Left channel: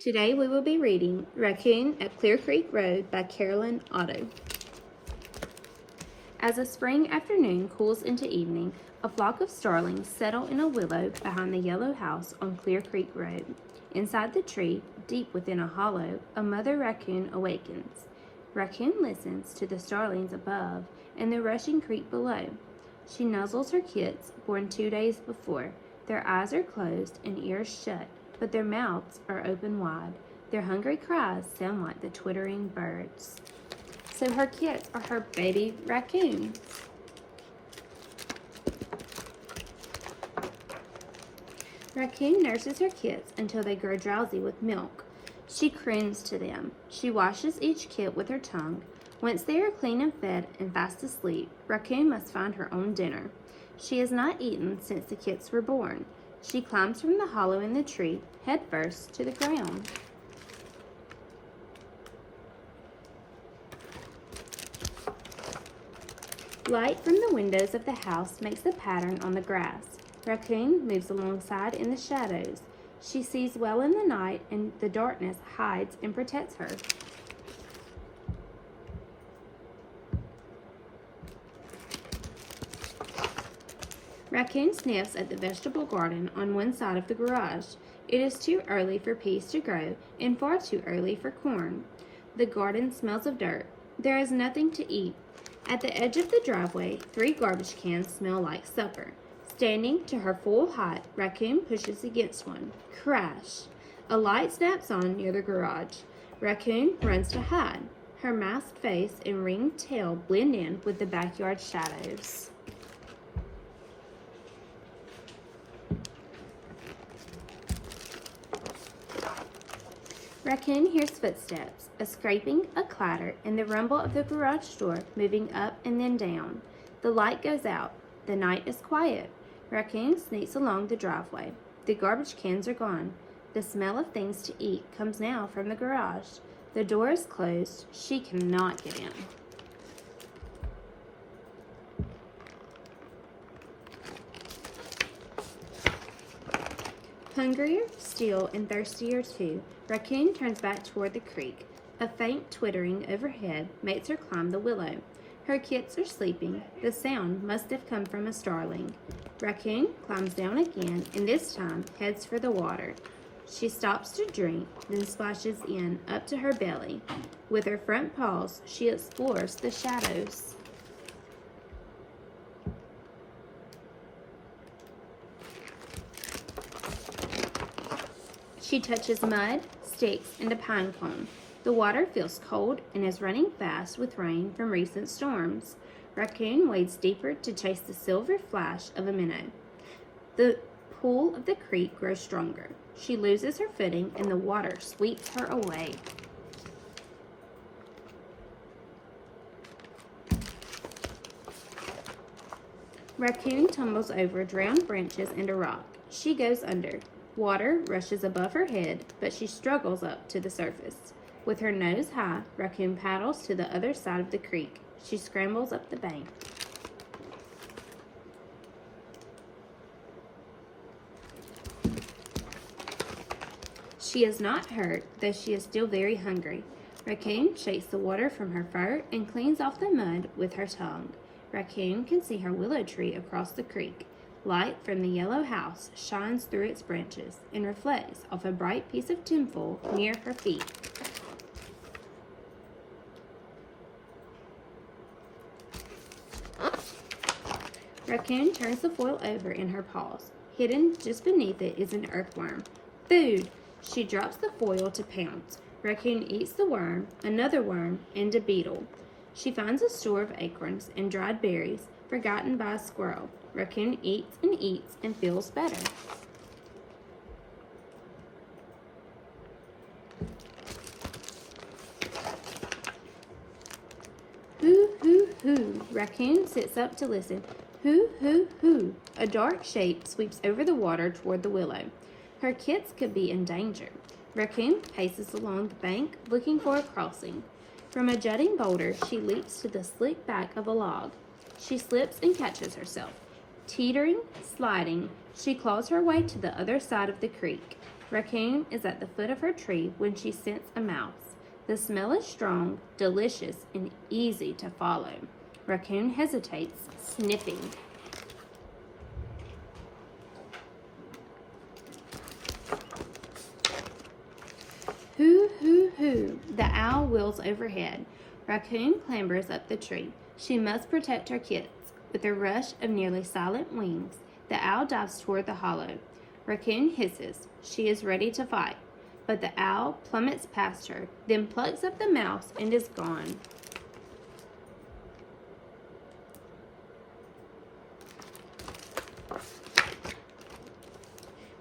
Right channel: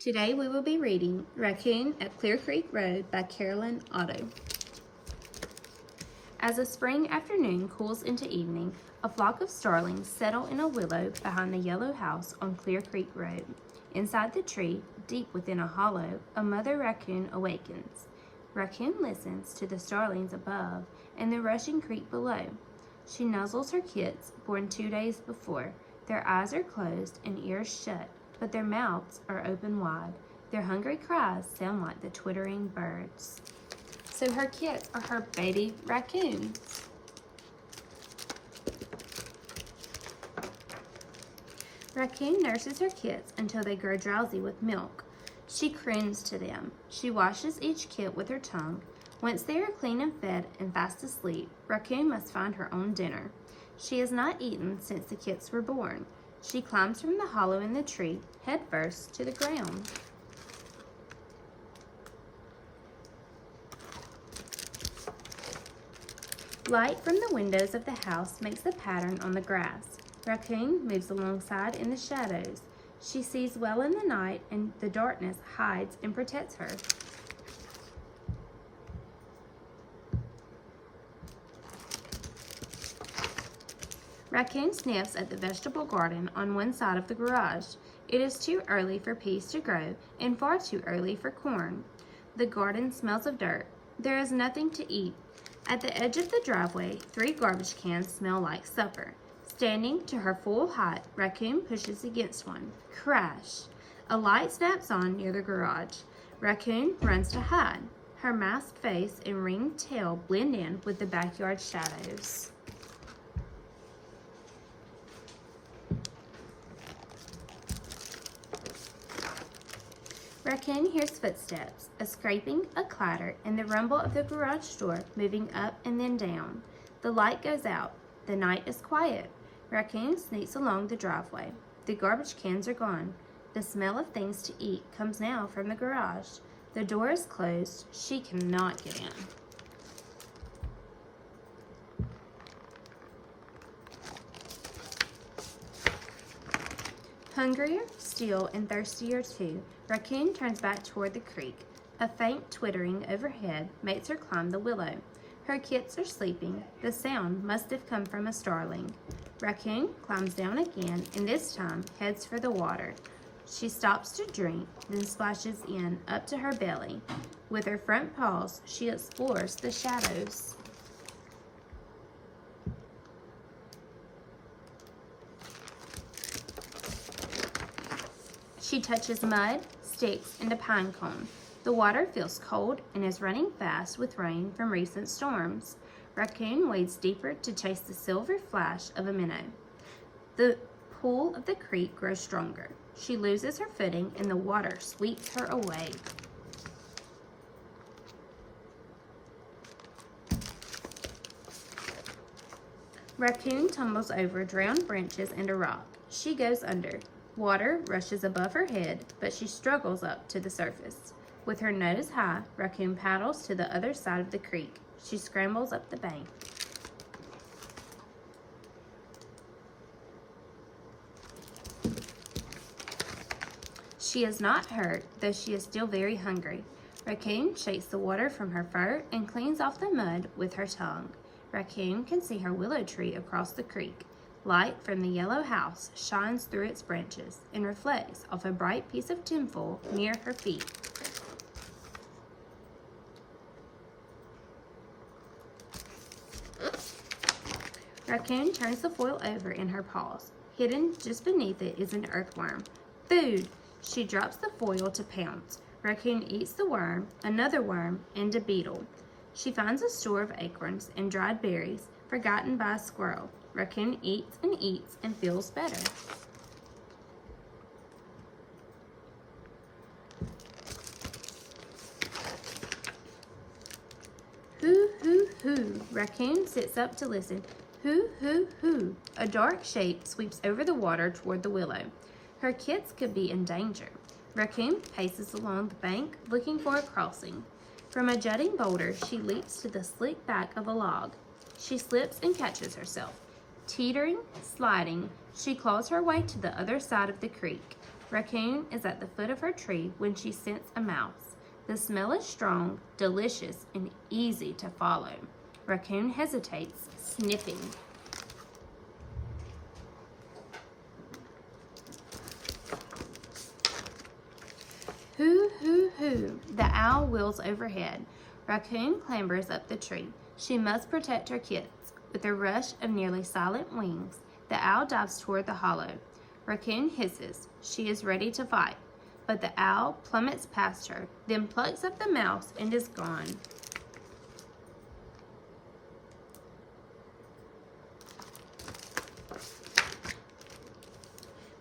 Today we will be reading Raccoon at Clear Creek Road by Carolyn Otto. As a spring afternoon cools into evening, a flock of starlings settle in a willow behind the yellow house on Clear Creek Road. Inside the tree, deep within a hollow, a mother raccoon awakens. Raccoon listens to the starlings above and the rushing creek below. She nuzzles her kits, born 2 days before. Their eyes are closed and ears shut, but their mouths are open wide. Their hungry cries sound like the twittering birds. So her kits are her baby raccoons. Raccoon nurses her kits until they grow drowsy with milk. She croons to them. She washes each kit with her tongue. Once they are clean and fed and fast asleep, Raccoon must find her own dinner. She has not eaten since the kits were born. She climbs from the hollow in the tree, head first to the ground. Light from the windows of the house makes a pattern on the grass. Raccoon moves alongside in the shadows. She sees well in the night, and the darkness hides and protects her. Raccoon sniffs at the vegetable garden on one side of the garage. It is too early for peas to grow and far too early for corn. The garden smells of dirt. There is nothing to eat. At the edge of the driveway, 3 garbage cans smell like supper. Standing to her full height, Raccoon pushes against one. Crash! A light snaps on near the garage. Raccoon runs to hide. Her masked face and ringed tail blend in with the backyard shadows. Raccoon hears footsteps, a scraping, a clatter, and the rumble of the garage door moving up and then down. The light goes out. The night is quiet. Raccoon sneaks along the driveway. The garbage cans are gone. The smell of things to eat comes now from the garage. The door is closed. She cannot get in. Hungrier still and thirstier too, Raccoon turns back toward the creek. A faint twittering overhead makes her climb the willow. Her kits are sleeping. The sound must have come from a starling. Raccoon climbs down again and this time heads for the water. She stops to drink, then splashes in up to her belly. With her front paws, she explores the shadows. She touches mud, sticks, and a pine cone. The water feels cold and is running fast with rain from recent storms. Raccoon wades deeper to chase the silver flash of a minnow. The pool of the creek grows stronger. She loses her footing and the water sweeps her away. Raccoon tumbles over drowned branches and a rock. She goes under. Water rushes above her head, but she struggles up to the surface. With her nose high, Raccoon paddles to the other side of the creek. She scrambles up the bank. She is not hurt, though she is still very hungry. Raccoon shakes the water from her fur and cleans off the mud with her tongue. Raccoon can see her willow tree across the creek. Light from the yellow house shines through its branches and reflects off a bright piece of tinsel near her feet. Raccoon turns the foil over in her paws. Hidden just beneath it is an earthworm. Food! She drops the foil to pounce. Raccoon eats the worm, another worm, and a beetle. She finds a store of acorns and dried berries, forgotten by a squirrel. Raccoon eats and feels better. Hoo, hoo, hoo. Raccoon sits up to listen. Hoo, hoo, hoo. A dark shape sweeps over the water toward the willow. Her kits could be in danger. Raccoon paces along the bank, looking for a crossing. From a jutting boulder, she leaps to the slick back of a log. She slips and catches herself. Teetering, sliding, she claws her way to the other side of the creek. Raccoon is at the foot of her tree when she scents a mouse. The smell is strong, delicious, and easy to follow. Raccoon hesitates, sniffing. Hoo, hoo, hoo, the owl wheels overhead. Raccoon clambers up the tree. She must protect her kids. With a rush of nearly silent wings, the owl dives toward the hollow. Raccoon hisses. She is ready to fight. But the owl plummets past her, then plucks up the mouse and is gone.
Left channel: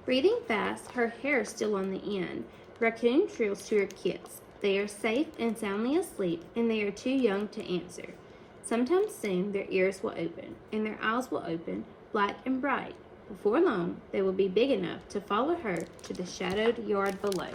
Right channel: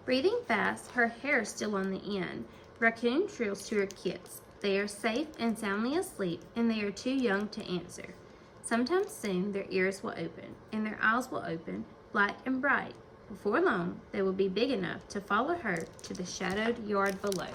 Breathing fast, her hair still on the end, Raccoon trills to her kids. They are safe and soundly asleep, and they are too young to answer. Sometime soon their ears will open, and their eyes will open, black and bright. Before long, they will be big enough to follow her to the shadowed yard below.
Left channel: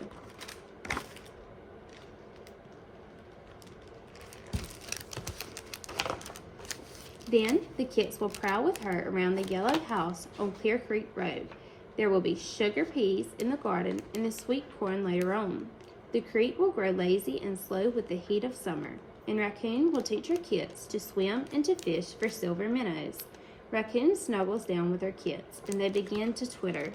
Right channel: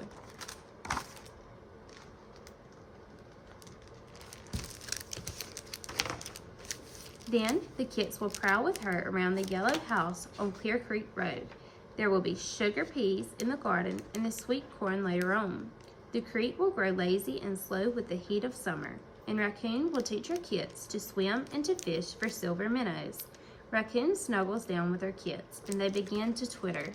Then the kits will prowl with her around the yellow house on Clear Creek Road. There will be sugar peas in the garden and the sweet corn later on. The creek will grow lazy and slow with the heat of summer, and Raccoon will teach her kits to swim and to fish for silver minnows. Raccoon snuggles down with her kits, and they begin to twitter.